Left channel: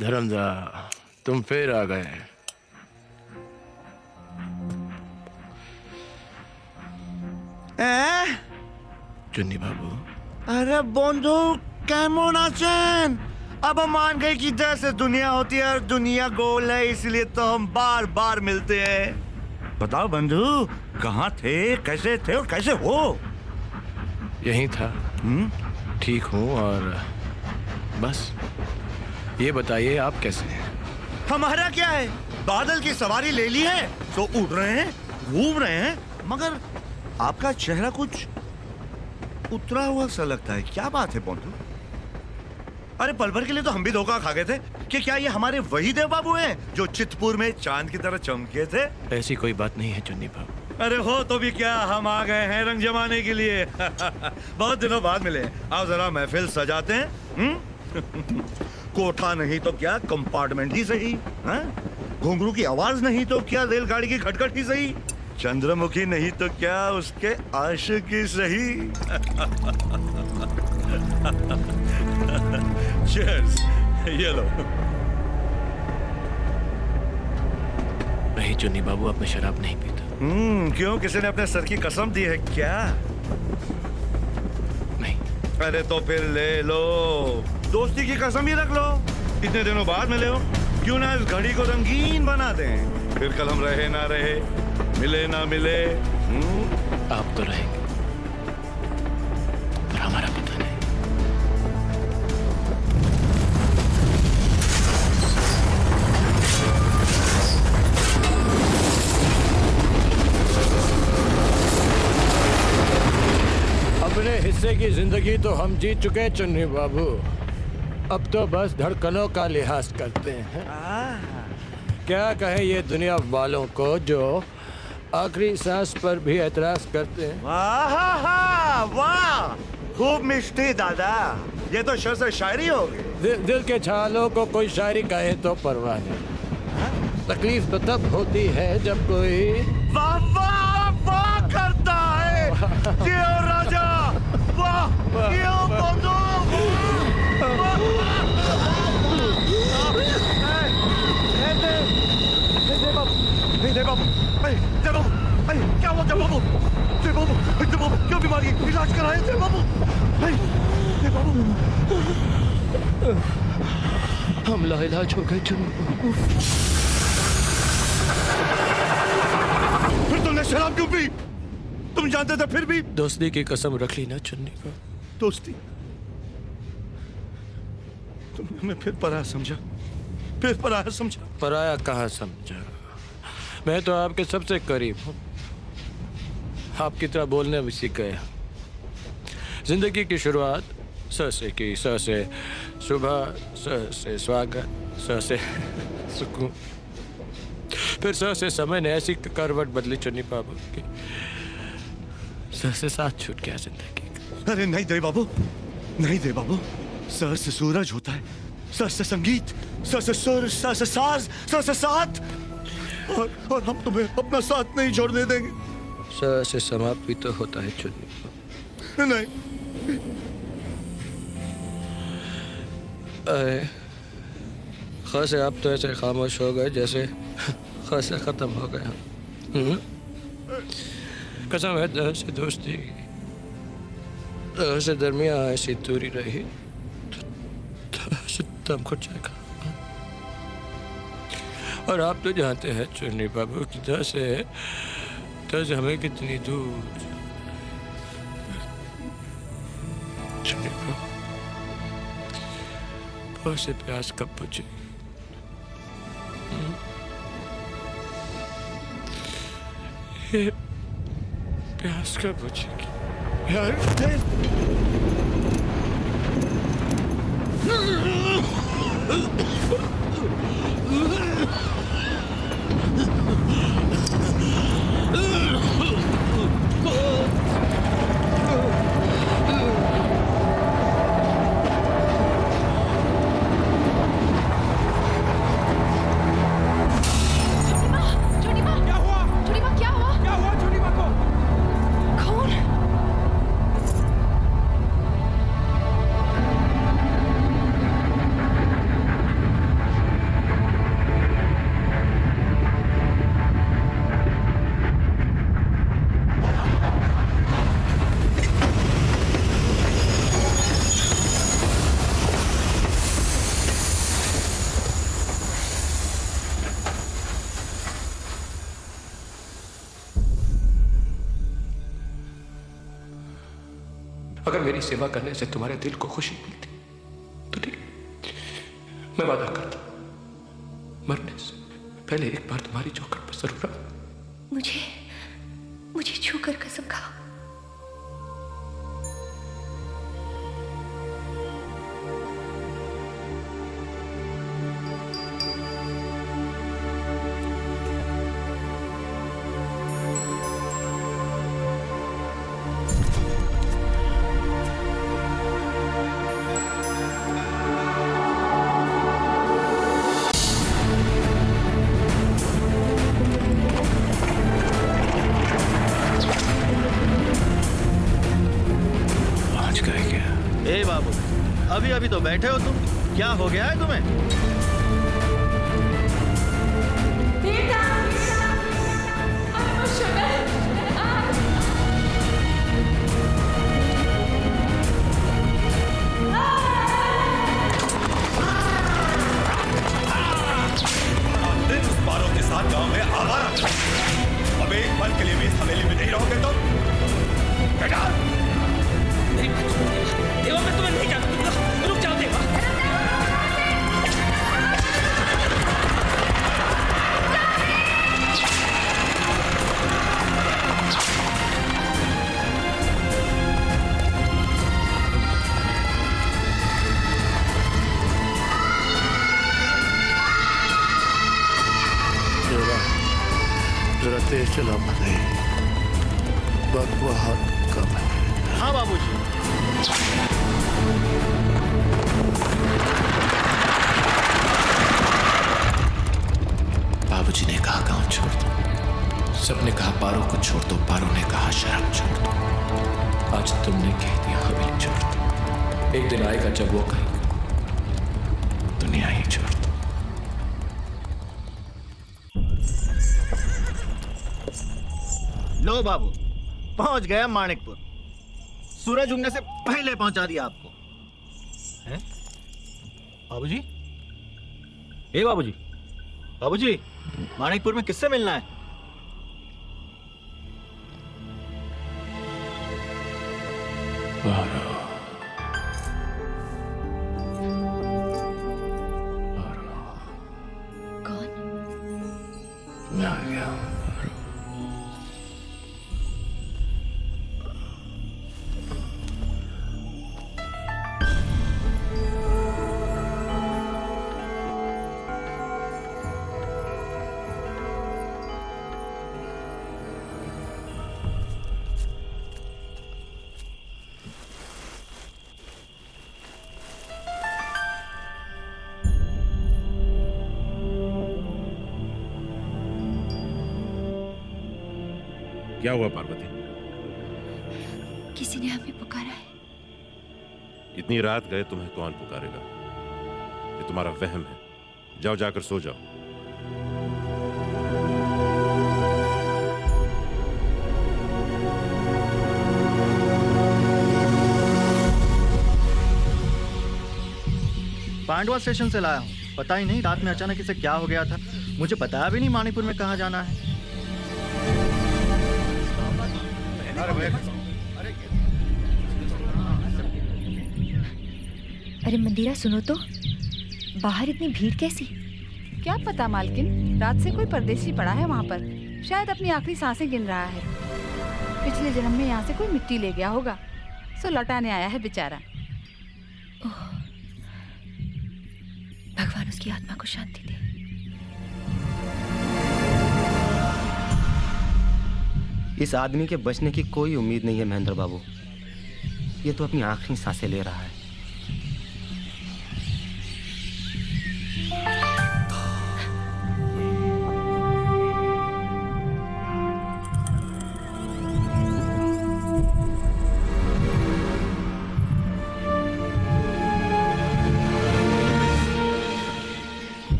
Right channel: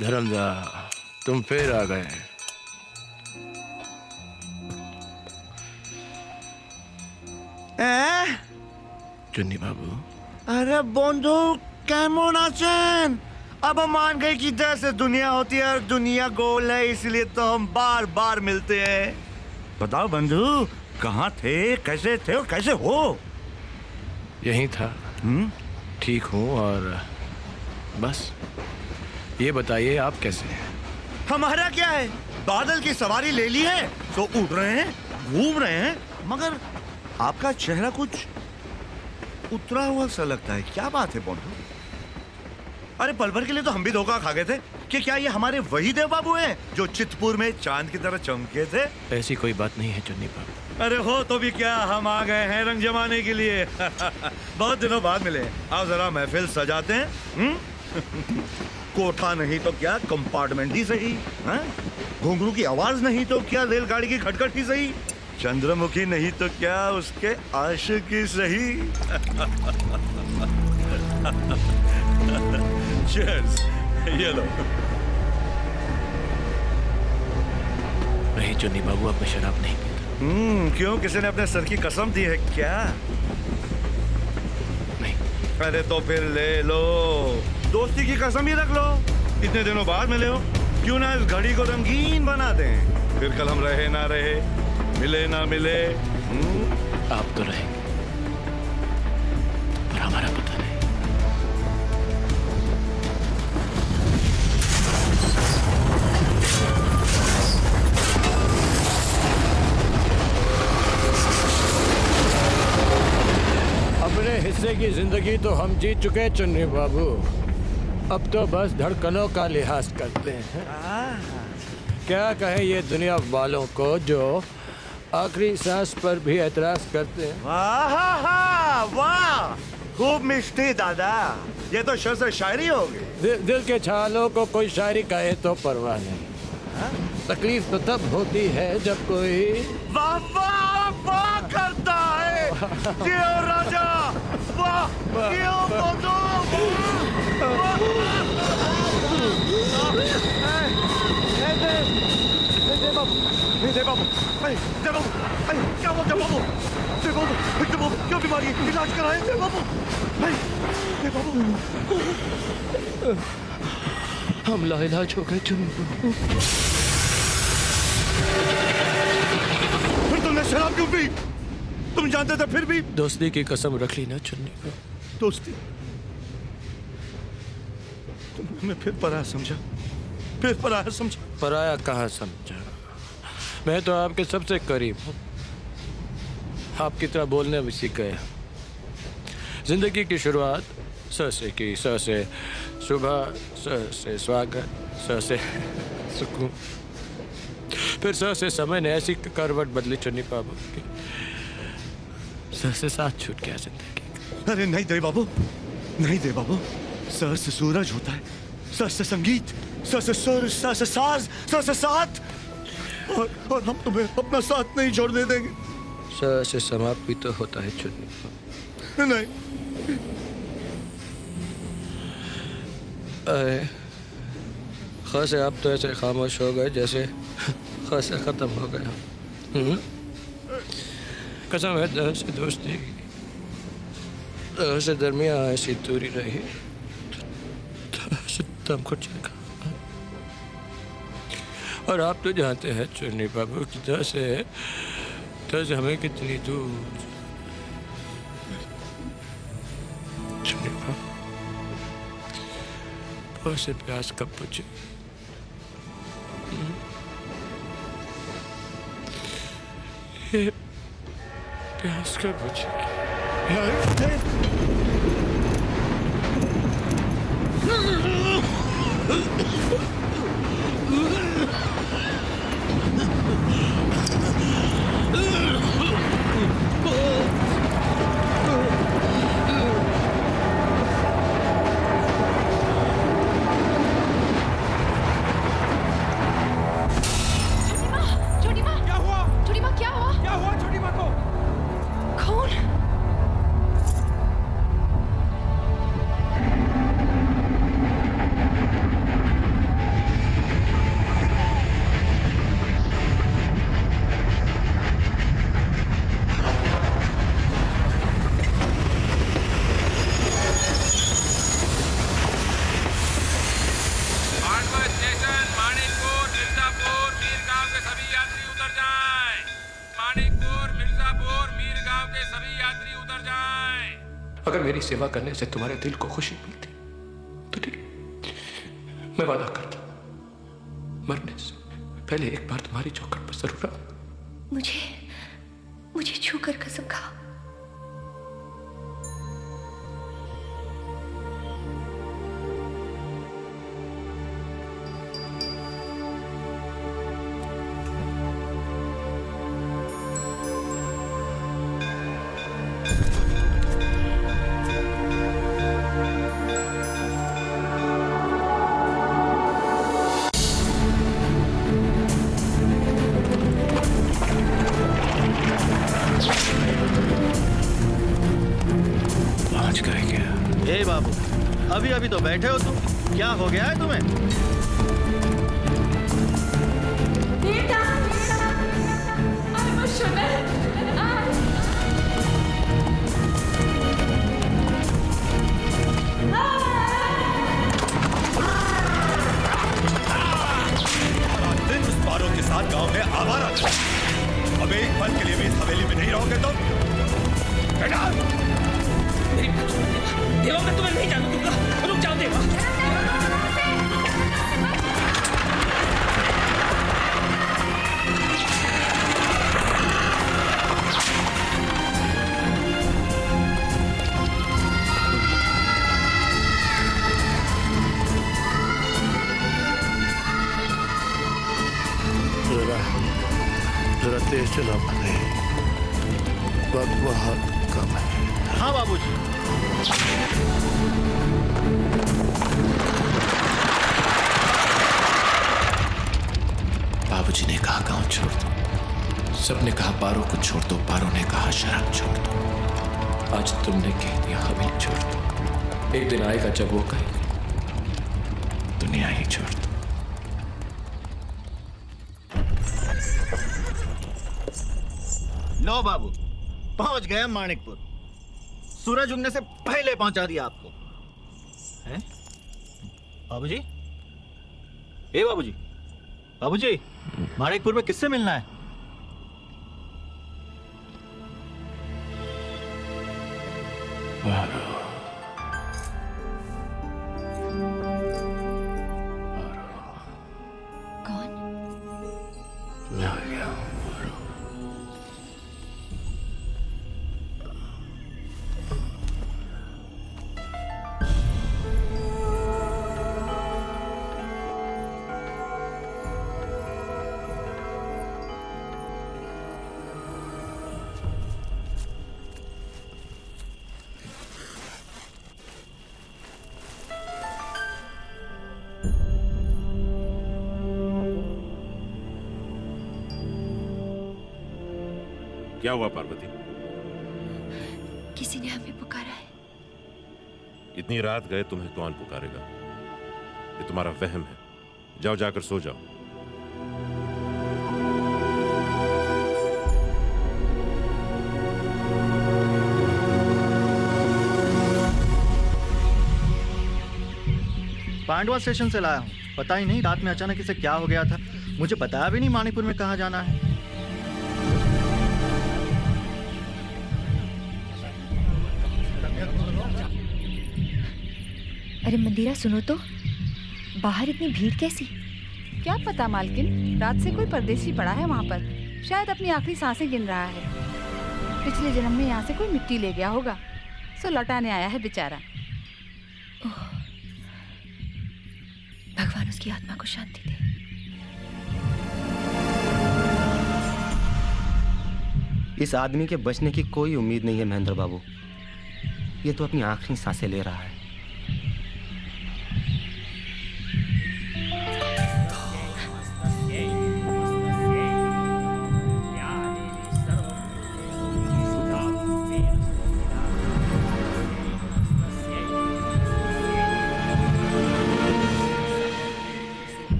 धर्मदा, तुम फिर आ गए। चुन्नी बाबू। अरे बंधु केमन आছেন? अब हम मान गए कि जैसे दुनिया होती है और दुनिया गोल है, इसलिए तो हम बार बार मिलते हैं। बताओ बंधु, कहाँ थे, कैसे थे और कैसे हो? यहीं था। ठीक हूँ और बस ये बताइए आप कैसे हैं? हमारा क्या है, बादल की सवारी ले ली है तो उड़ रहे हैं, घूम रहे हैं, मगर आपका चेहरा कुछ उतरा हुआ सा लगता है। क्या बात है बंधु? अरे पल भर के लिए तो हम भी धोखा खा गए थे कि क्या ये हमारे वही देव बाबू हैं जो चितपुर में चांद की तरह चमके थे। ऐसी कोई बात नहीं है चुन्नी बाबू। अरे हो तो भी क्या, हम आ गए हैं रंग जमाने के लिए। बहुत दिनों बाद मिले, आओ जरा महफिल सजाते हैं। कोठा नहीं तो क्या कंपार्टमेंट ही सही, घुंघरू की आवाज नहीं तो क्या रेलगाड़ी की खटखट ही सही, चंद्रमुखी नहीं तो क्या उसके आशिक ही सही। Cheers, ये लो। नहीं चुन्नी बाबू, अब मैं शराब नहीं पीता। क्यों, किसी ने अपने सर की कसम दी है क्या? नहीं। अरे तो फिर ले लो, दोस्ती की कसम ही रख लो। इतने दिनों बाद मिले हो, क्यों ना इस घड़ी को रंगीन बना दें। फिर कल हम रहे ना रहे, मिले ना मिले। आप तो रहेंगे पर हमारा पता नहीं। अपने हिस्से की जिंदगी तो हम जीत चुके चुन्नी बाबू, अब तो बस धड़कनों का लिहाज करते हैं। क्या कहे ये दुनिया वालों को जो आखिरी सांस पर भी एतराज करते हैं। वाह वाह, खूब मिष्टी दादा, ये तो शेर से शायरी होगी। दिल के छालों को कोई शायरी कहे तो परवाह नहीं। तकलीफ तो तब होती है जब कोई वाह वाह वाह करता है। क्यों राजा, वाह क्यों बंधु, जय बाबू, जय बाबू, जय बाबू, क्या हुआ जय बाबू? जय बाबू, जय बाबू, क्यों बीमारी, इलाज कराए जय बाबू, जय बाबू। हम लाइलाज हो गए चुन्नी बाबू। फिर तुमने शराब क्यों पी? तुम जानते थे फिर भी? दोस्ती की कसम रख ली ना चुन्नी को। दोस्ती? तुमने हमें फिर पराया समझा, फिर पराया समझा। पराया कहाँ समझा, मैं तो आपके सबसे करीब हूँ, आपकी तरह बोलने भी सीख गया। जिंदगी की शुरुआत स से की, स से सुबह, स से स्वागत, स से सुकून, फिर स से समय ने ऐसी करवट बदली चुन्नी बाबू की, स से साथ छूट गया जिंदगी। अरे नहीं दे बाबू, नहीं दे बाबू, स से सूरज होता है, स से संगीत, स से सुर, स से साज, स से साथ, और हम तुम्हें अपना साथ नहीं छोड़ने देंगे। स से समाप्त भी तो होता है चुन्नी बाबू। नहीं। ख से आप तो ऐसे खामोश हो गए जैसे ख से खत्म हो गया। कसम है द से दोस्ती की, द से दरमिया ऐसी दूरी रही तो से दम घुट जाएगा। और आप तो जानते हैं चुन्नी बाबू कि द से हमें कितनी दूर। चुन्नी बाबू, प से प्यास कब बुझेगी? ये प्यास कब बुझेगी? अगर मेरी सेवा करने से तुम्हारे दिल को खुशी मिलती तो ठीक, मैं वादा करता मरने से पहले एक बार तुम्हारी चौखट पर जरूर आऊं। मुझे छूकर कसम खाओ। पहुंच गए क्या? ए बाबू, अभी अभी तो बैठे हो तुम, क्या हो गया है तुम्हें? बेटा, I'm emotional. सारा दिन उस पारों के साथ गांव में आवारा कर। अब एक पल के लिए भी इस हवेली में नहीं रहोगे तुम? बेटा, मेरी बात सुनो देवा। देवा, मैं तुम्हें नहीं जाने दूंगा। रुक जाओ देवा। जरा तेज चला भाई, वक्त बहुत कम है। हाँ बाबूजी। बाबूजी ने कहा गांव छोड़ दो, सबने कहा पारो को छोड़ दो, पारो ने कहा शराब छोड़ दो। आज तुमने कह दिया हवेली छोड़ दो। एक दिन आएगा जब वो कहेगा दुनिया ही छोड़ दो। लो बाबू, पहुंच गए माणिकपुर। सूरज उगने से पहले पहुंचा दिया आपको। हैं? बाबूजी? ए बाबूजी, बाबूजी, माणिकपुर में किससे मिलना है? पारो, कौन? मैं आ गया हूं पारो। क्या हुआ पार्वती? किसी ने हमें पुकारा है। इतनी रात गए तुम्हें कौन पुकारेगा? ये तुम्हारा वहम है। जाओ, जाकर सो जाओ। पांडवा स्टेशन से लाया हूँ। पता ही नहीं रात में अचानक इसे क्या हो गया था। मुझे बताया भी नहीं माणिकपुर में कहाँ जाना है। अरे मंदिरा, सुनो तो, बाहर इतनी भीड़ कैसी? क्या पता मालकिन, रात से कोई परदेसी पड़ा है वहाँ पर। शायद अपनी आखिरी सांसें गिन रहा है। पिछले जन्म में यहाँ से कोई मिट्टी ले गया होगा, सो लौटाने आया है बेचारा। ओह, भगवान उसकी आत्मा को शांति दे। इस आदमी के बचने की कोई उम्मीद नहीं है महेंद्र बाबू। ये तो अपनी आखिरी सांसें ले रहा है।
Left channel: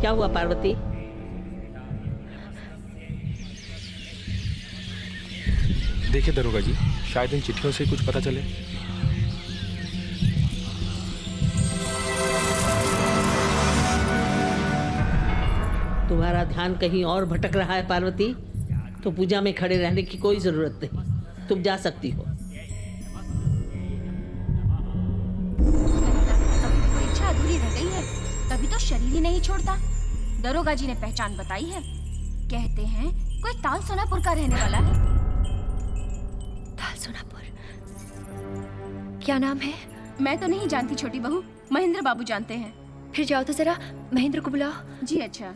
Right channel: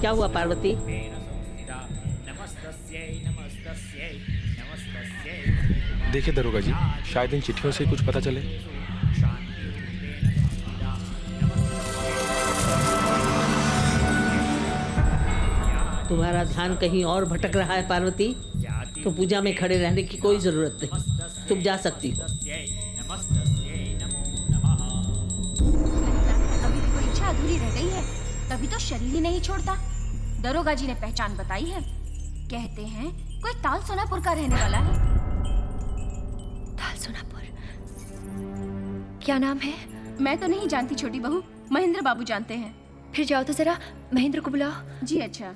क्या हुआ पार्वती? देखिए दरोगा जी, शायद इन चिट्ठियों से कुछ पता चले। तुम्हारा ध्यान कहीं और भटक रहा है पार्वती, तो पूजा में खड़े रहने की कोई जरूरत नहीं, तुम जा सकती हो। अभी भी कोई इच्छा अधूरी रह गई है, तभी तो शरीर ही नहीं छोड़ता। दरोगा जी ने पहचान बताई है, कहते हैं कोई ताल सोनापुर का रहने वाला है। ताल सोनापुर, क्या नाम है? मैं तो नहीं जानती छोटी बहू, महेंद्र बाबू जानते हैं। फिर जाओ तो जरा महेंद्र को बुलाओ। जी अच्छा।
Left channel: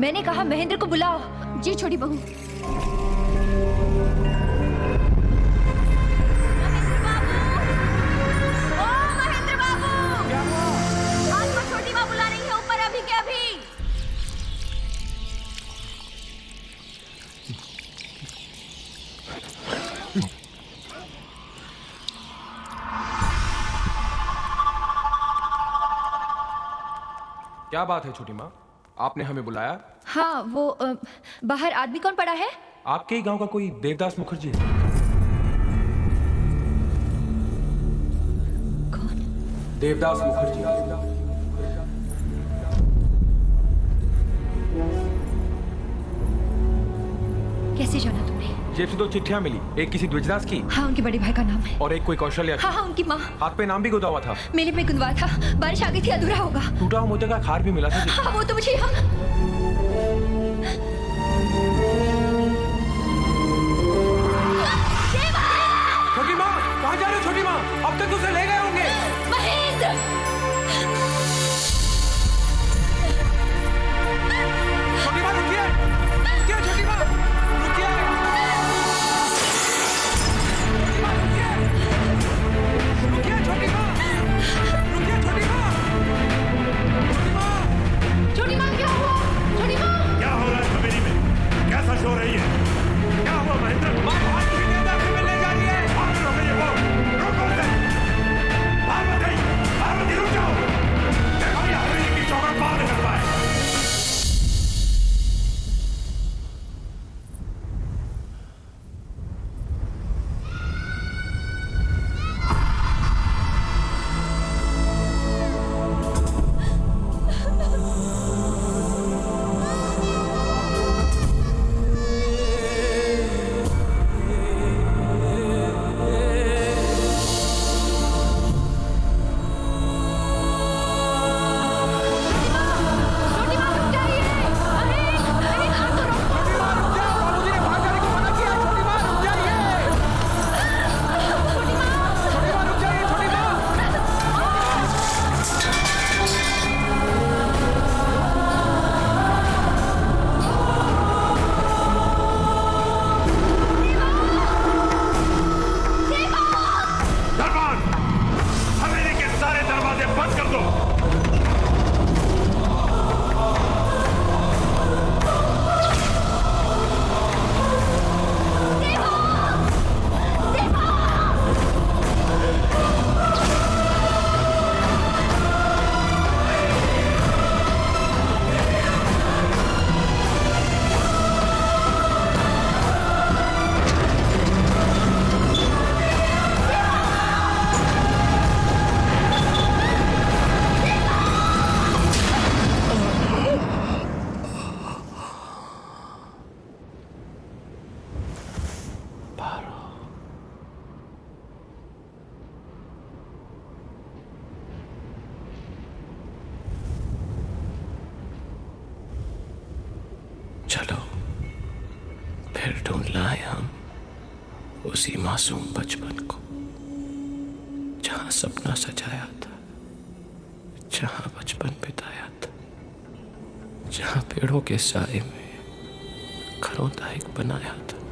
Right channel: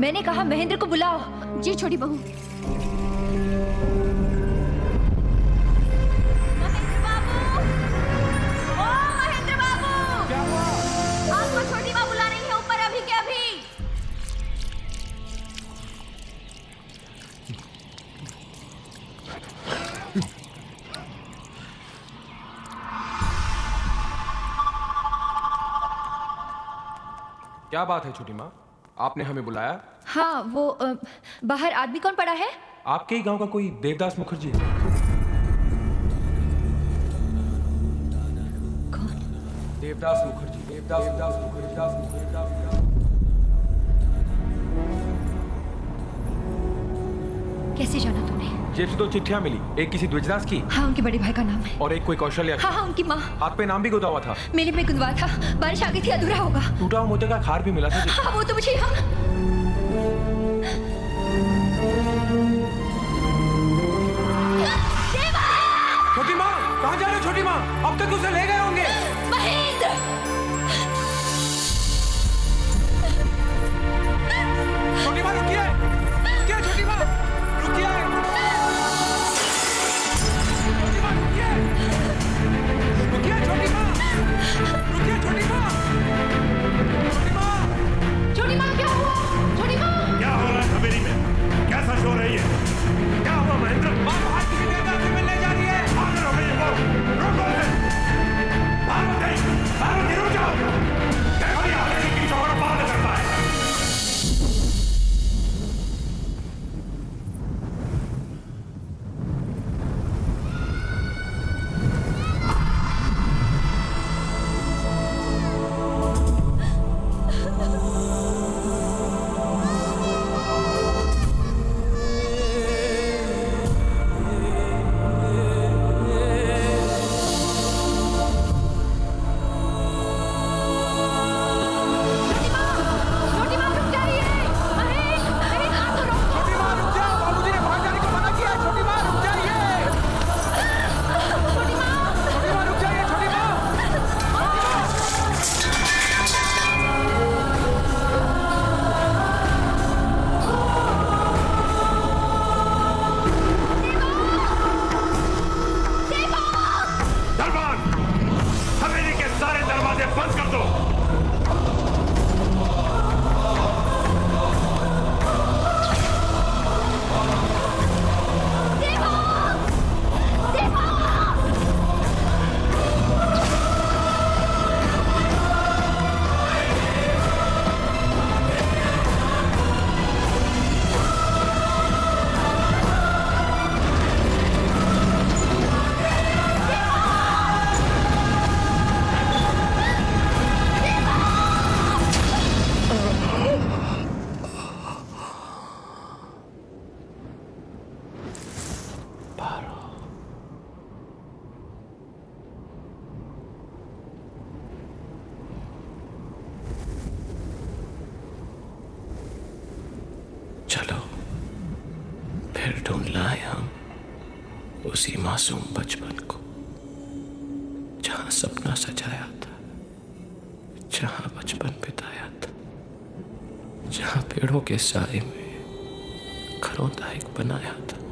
मैंने कहा महेंद्र को बुलाओ। जी छोटी बहू। महेंद्र बाबू, ओ महेंद्र बाबू, क्या हुआ? आपको छोटी माँ बुला रही है ऊपर अभी के अभी। क्या बात है छोटी माँ, आपने हमें बुलाया? हाँ वो बाहर आदमी कौन पड़ा है? आपके ही गांव का कोई देवदास मुखर्जी है। कौन? देवदास मुखर्जी। कैसे जाना तुमने? जेब से 2 चिट्ठियां मिली, एक किसी द्विजदास की हाँ उनके बड़े भाई का नाम है। और एक कोई कौशल्या की। हाँ हाँ उनकी माँ। हाथ पे नाम भी गुदा हुआ था। मेले में गुंदवा था, बारिश आ गई थी, अधूरा होगा। टूटा हुआ मोती का खार भी मिला था जी। हाँ वो तो मुझे छोटी माँ कहाँ जा रहे हो छोटी माँ? अब तक उसे ले गए होंगे। महेंद्र! छोटी माँ रुकिए, रुकिए छोटी माँ, रुकिए। छोटी माँ रुकिए, रुकिए छोटी माँ, रुकिए छोटी माँ, छोटी माँ। छोटी माँ क्या हुआ? छोटी माँ! क्या हो रहा है हवेली में? कैसा शोर है ये? क्या हुआ महेंद्र? माँ बाहर किसी देवदास से मिलने जा रही है। पागल हो गई है वो। रोको उसे। पार्वती, पार्वती रुक जाओ। देखो ये हवेली की चौखट पार न कर पाए। चलो फिर ढूंढ लाए हम उसी मासूम बचपन को, जहां सपना सजाया था, जहां बचपन बिताया था, जहां पेड़ों के साए में घरों दायक बनाया था।